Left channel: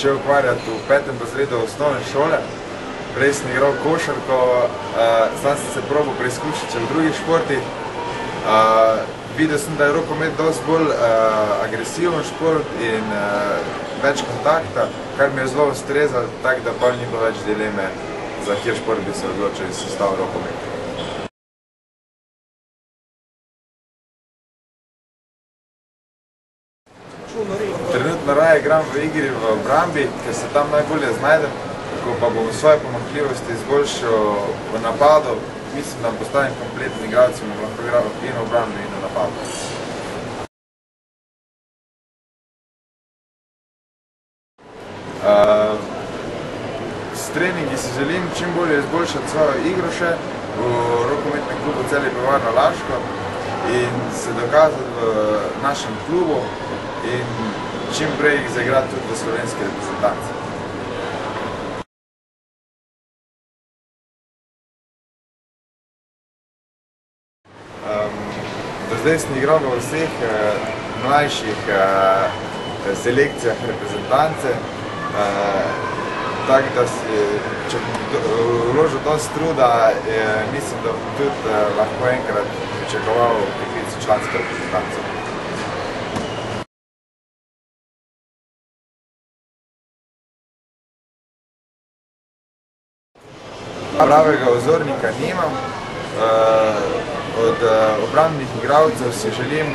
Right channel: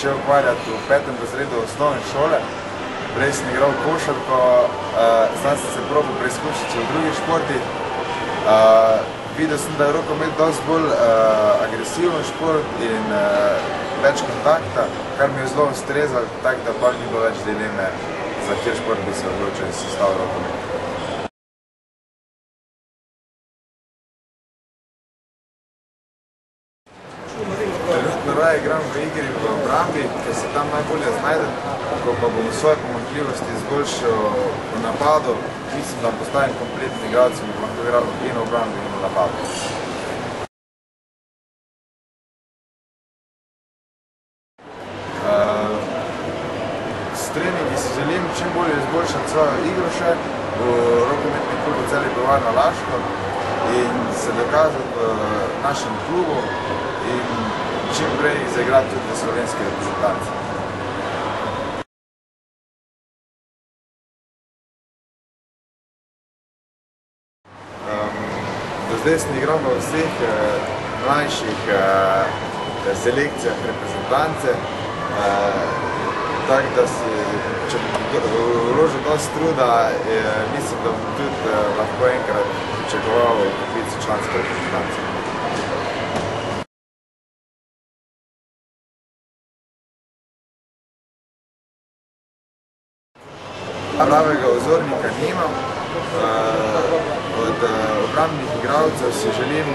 začel ukvarjati v 5. razredu osnovne šole. Prej sem igral košarko, zdaj sem se probal preizkušati v drugih športih. Videl sem, da je rokomet dosti bolj agresiven šport in več kontakta, kar mi je zelo ustrezalo, tako da pa ni bilo več dileme, za kjer šport bi se odločil in sestavil rokomet. Trenutno raje igram v igri v obrambi, ker se tam najbolje znajdem, ko pa bom svoje pomanjkljivosti izboljšal v napadu, mislim, da postavim kompletni igralec in bom lahko igral in v obrambi in v napadu. S treningi si želim čim bolje izboljšati svojo igro še v rokometnem klubu Celje Pivovarna Laško in se dokazati v našem klubu in čim prej jih zaigrati tudi v slovenski reprezentanci. Do zdaj sem igral v vseh mlajših selekcijah reprezentance, tako da če bom vložil dosti truda, mislim, da bom tudi lahko enkrat pričakoval poklic v člansko reprezentanco. Pravega vzornika nimam. Od obrambnih igralcev si želim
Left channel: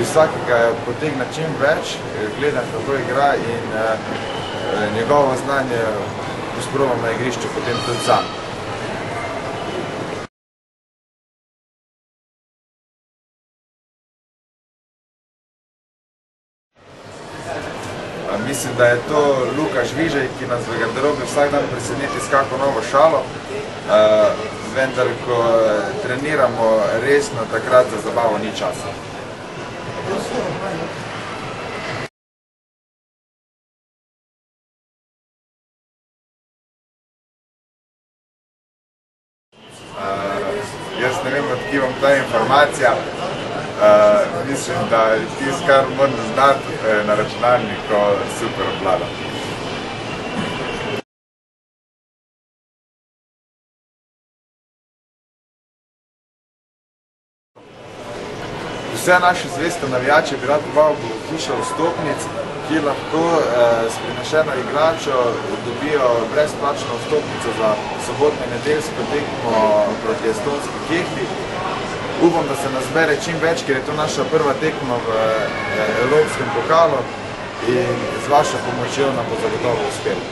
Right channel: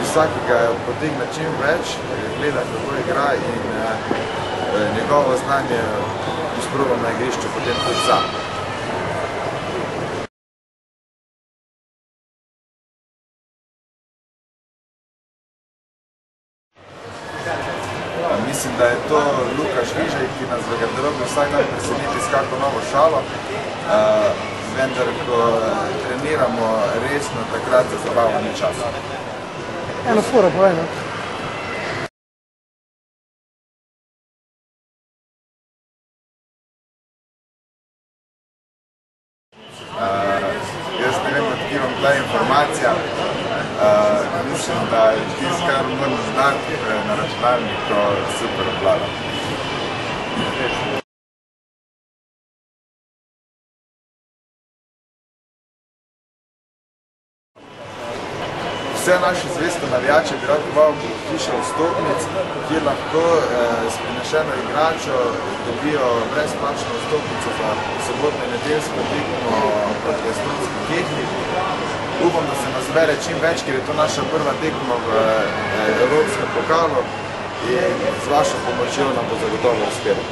iz vsakega potegniti čim več, gledam, kako igra in njegovo znanje izprobam na igrišču potem tudi sam. Mislim, da je to Luka Žvižej, ki nas v garderobi vsak dan preseneti s kako novo šalo, vendar, ko treniramo resno, takrat za zabavo ni časa. Eno sporo, povej. Jaz ne vem, odkje vam ta informacija. Mislim, da tisto, kar moram znati na računalniku, super obvladam. Vse naše zveste navijače bi rad povabil v hišo vstopnic, kjer lahko s prinašeno igračo dobijo brezplačno vstopnico za sobotno in nedeljsko tekmo proti estonski Kehri. Upam, da se nas zbere čim več, ker je to naša prva tekma v Evropskem pokalu in z vašo pomočjo nam bo zagotovo uspelo.